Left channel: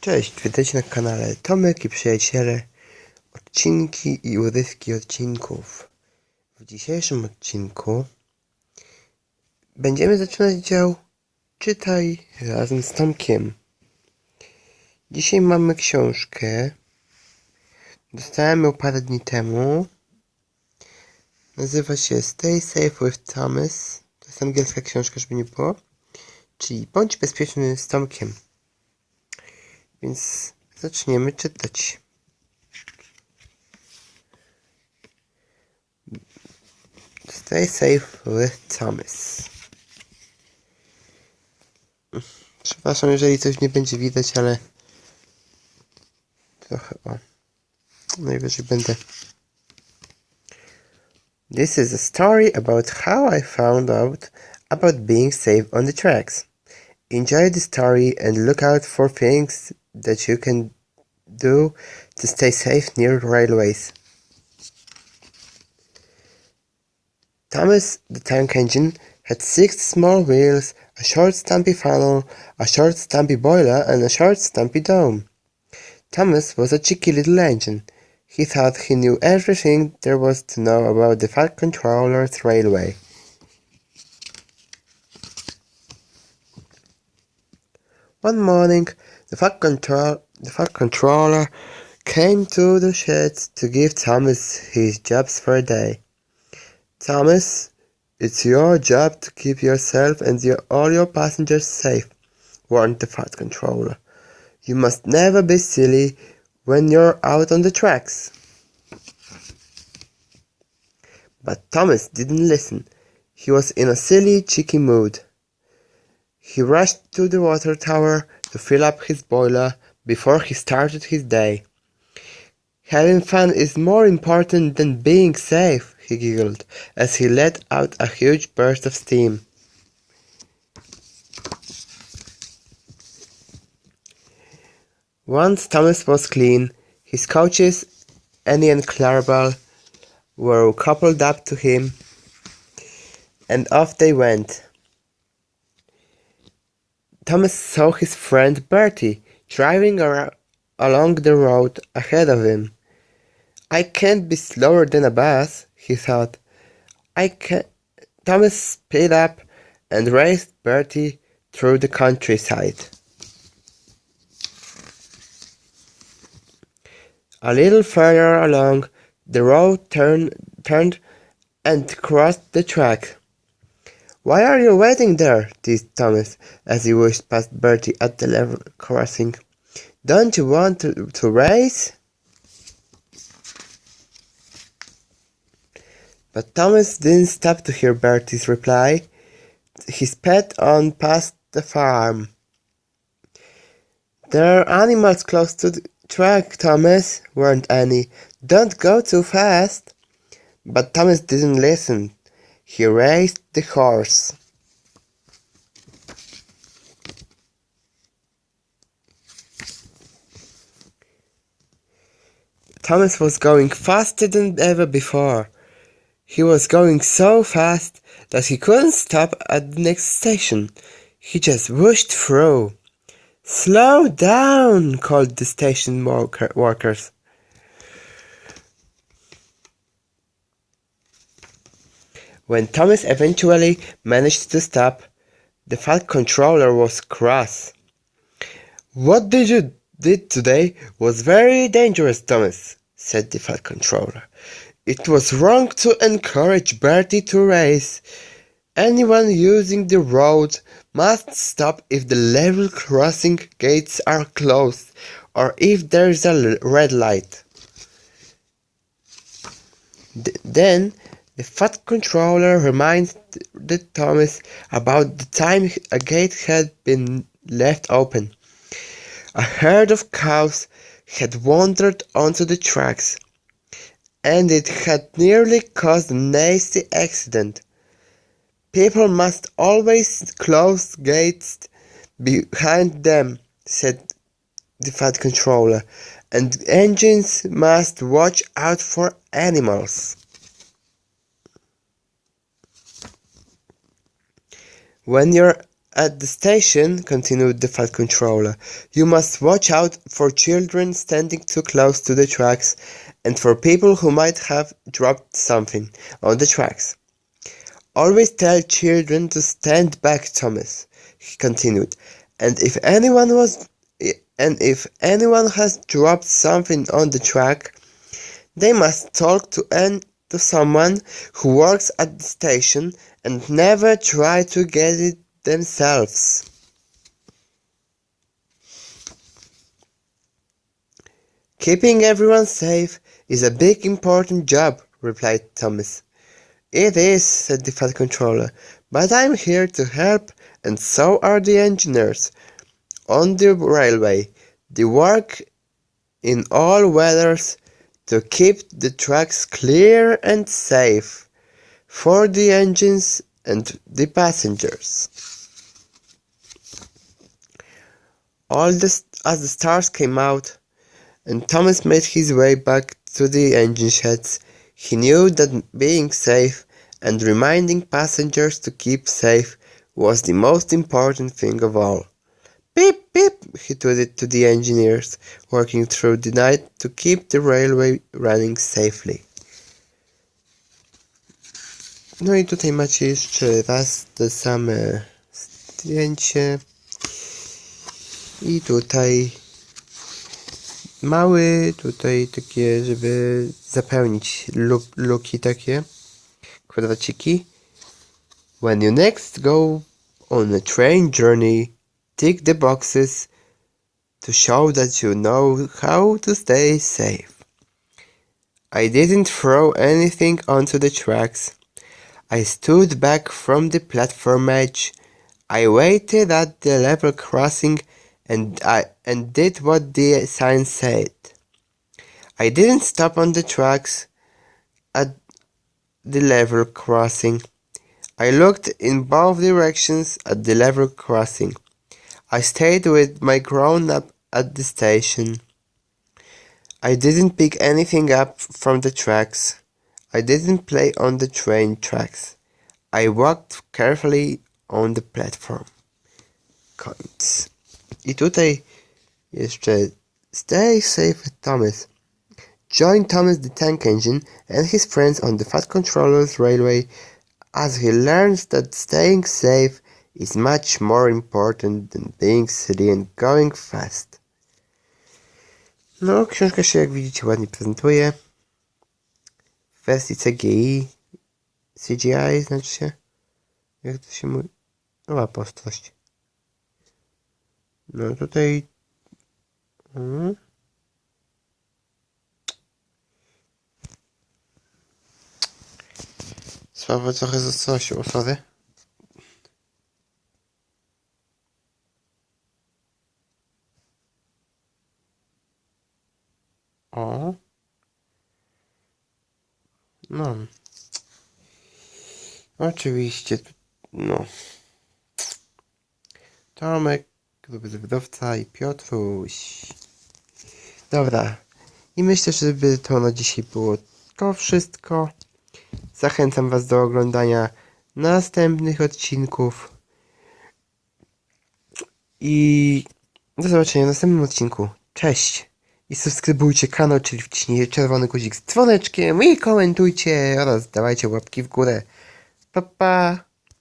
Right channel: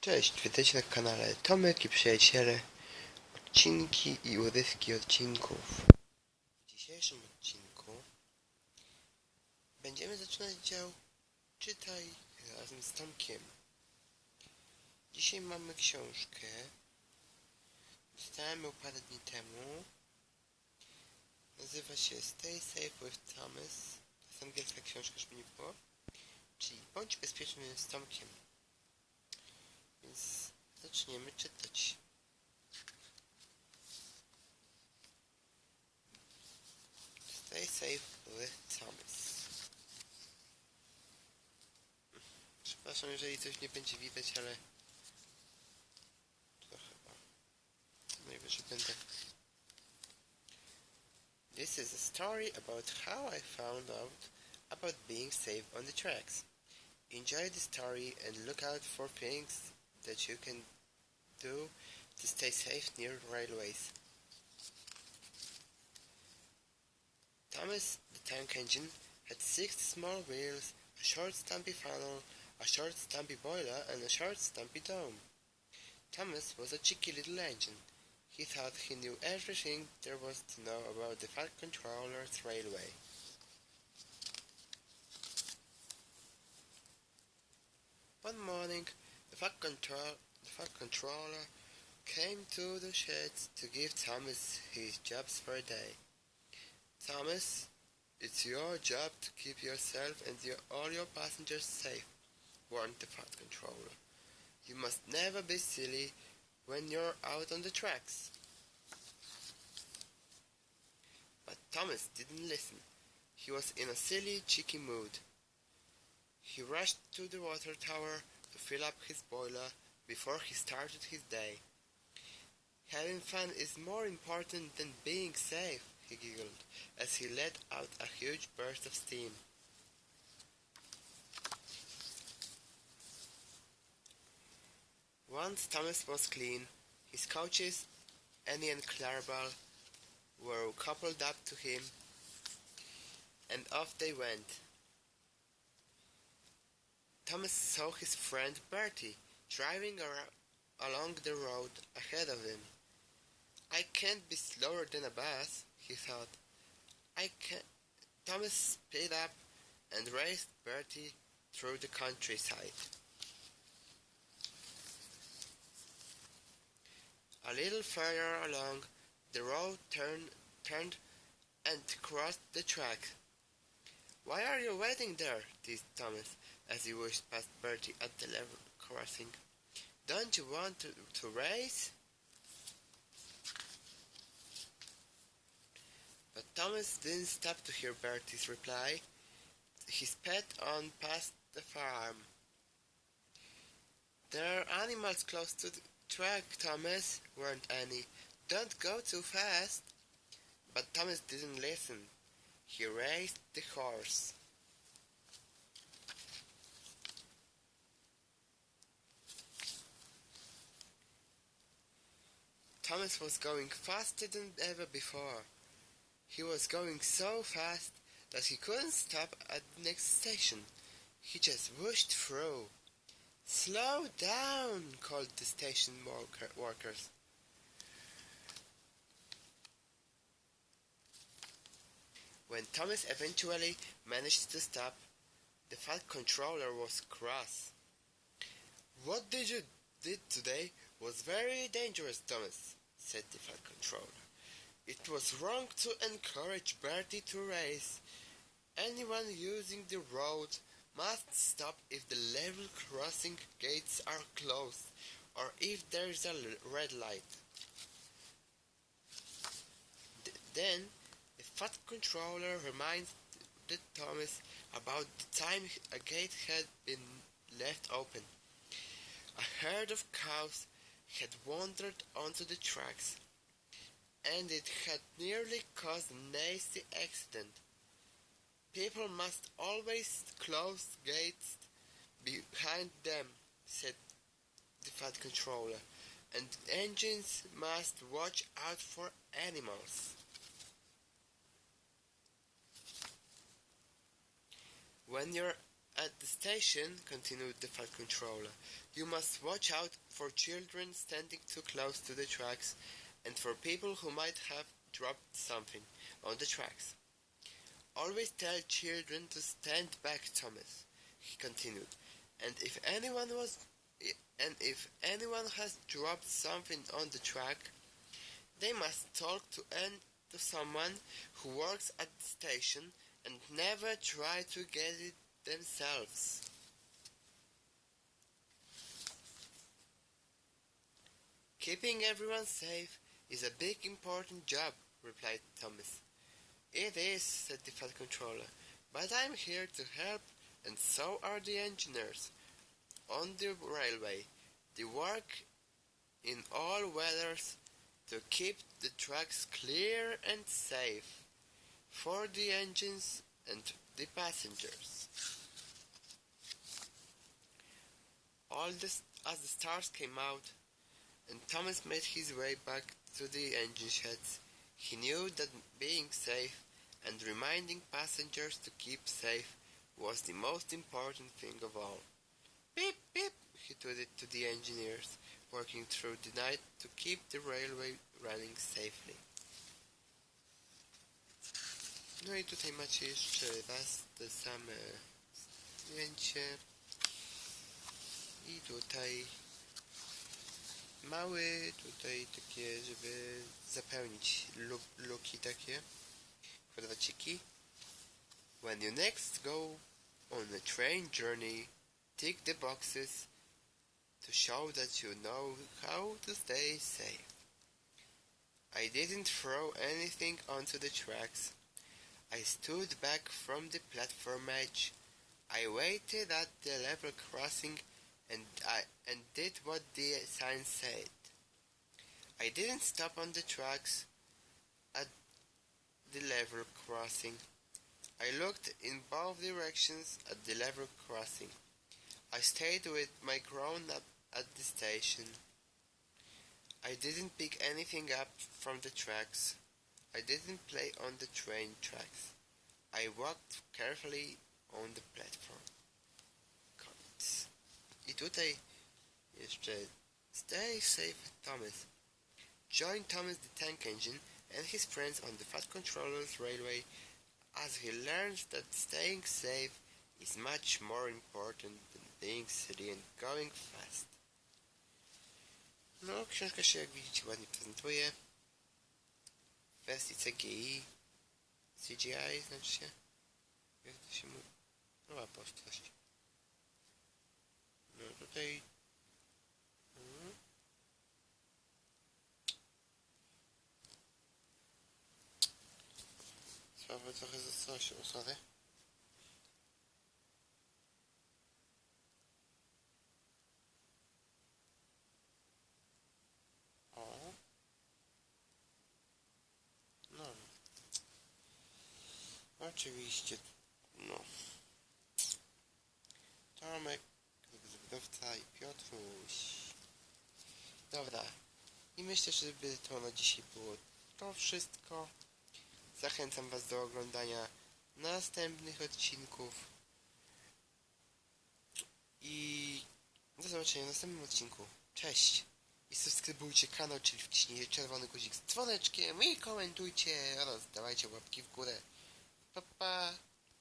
Cześć, witajcie na kanale Tomek i Przyjaciele, odcinki i urywki odcinków. W dzisiejszym odcinku będziemy zaczynać dział Czytaj razem z Tomkiem. Dzisiaj mamy książkę, dostałem ją parę dni temu. Nazywa się Stay Safe with Thomas, to jest angielska książka, żeby nie było, czyli Bądź bezpieczny z Tomkiem. Więc zaczniemy czytać. Stay safe with Thomas. Przepraszam, jeżeli coś nie będzie widać, ale trochę najwyżej będę. This is a story about how I found out about being safe on the tracks. Enjoy the story and look out for things that you can do to stay safe near railways. Thomas the tank engine had 6 small wheels, a short stumpy funnel, a short stumpy boiler and a short stumpy dome. Thomas was a cheeky little engine. He thought he knew everything there was to know about the Fat Controller's railway. One morning, the Fat Controller came to the shed to give Thomas his jobs for a day. Thomas, it's your job to keep yourself and all your passengers safe, warned the Fat Controller. You must never be silly when you're out on the tracks. But Thomas didn't listen. He was in a silly, cheeky mood. He rushed to the water tower to fill up his boiler before he started his day. Having fun is more important than being safe, he giggled as he let out a huge burst of steam. Once Thomas was clean, his coaches, Annie and Clarabelle, were coupled up to him, and off they went. Thomas saw his friend Bertie driving along the road ahead of him. I can't be slower than a bus, he thought. Thomas sped up and raced Bertie through the countryside. A little further along, the road turned and crossed the track. Why are you waiting there? Teased Thomas as he whisked past Bertie at the level crossing. Don't you want to race? But Thomas didn't stop to hear Bertie's reply. He sped on past the farm. There are animals close to the track, Thomas, warned Annie. Don't go too fast. But Thomas didn't listen. He raced the horse. Thomas was going faster than ever before. He was going so fast that he couldn't stop at the next station. He just whooshed through. Slow down, called the station workers. When Thomas eventually managed to stop, the Fat Controller was cross. What you did today was very dangerous, Thomas, said the Fat Controller. It was wrong to encourage Bertie to race. Anyone using the road must stop if the level crossing gates are closed or if there's a red light. Then the Fat Controller reminded Thomas about the time a gate had been left open. A herd of cows had wandered onto the tracks, and it had nearly caused a nasty accident. People must always close gates behind them, said the Fat Controller, and engines must watch out for animals. When you're at the station," continued the Fat Controller, "you must watch out for children standing too close to the tracks and for people who might have dropped something on the tracks. Always tell children to stand back, Thomas," he continued, "and if anyone has dropped something on the track, they must talk to someone who works at the station and never try to get it themselves." "Keeping everyone safe is a big important job," replied Thomas. "It is," said the Fat Controller, "but I'm here to help, and so are the engineers on the railway. They work in all weathers to keep the tracks clear and safe for the engines and the passengers." As the stars came out and Thomas made his way back to the engine sheds, he knew that being safe and reminding passengers to keep safe was the most important thing of all. "Beep, beep," he tooted to the engineers working through the night to keep the railway running safely. No i tutaj macie jeszcze raz te same zdjęcie. I tutaj mały, tutaj takie, żeby zapełnić luki takie, kwadraciki. "When you next go on a train journey, tick the boxes to show that you know how to stay safe. I didn't throw anything onto the tracks. I stood back from the platform edge. I waited at the level crossing and did what the sign said. I didn't stop on the tracks at the level crossing. I looked in both directions at the level crossing. I stayed with my grown-up at the station. I didn't pick anything up from the tracks. I didn't play on the train tracks. I walked carefully on the platform." Koniec. I tutaj jeszcze "Stay safe with Thomas. Join Thomas the Tank Engine and his friends on the Fat Controller's Railway as he learns that staying safe is much more important than being silly and going fast." No, książka się, jak widzicie, ładnie prezentuje. W wersji CGI znaczy się. Jak to się mówi? O, apostrość. No tutaj... Słabo trochę z ostrością, sorry. O. No. Oczywiście, no. Tomek, wydawca i Piotruś. Dobra. I myślę, żeby to na dzisiaj było to wszystko. Zachęcam Was do oglądania następnych odcinków. I do zobaczenia w następnym odcinku. Cześć! I subskrybujcie kanał, czyli wciśnijcie czerwony guzik z dzwoneczkiem i komentujcie oraz dawajcie łapki w górę. Pa, pa!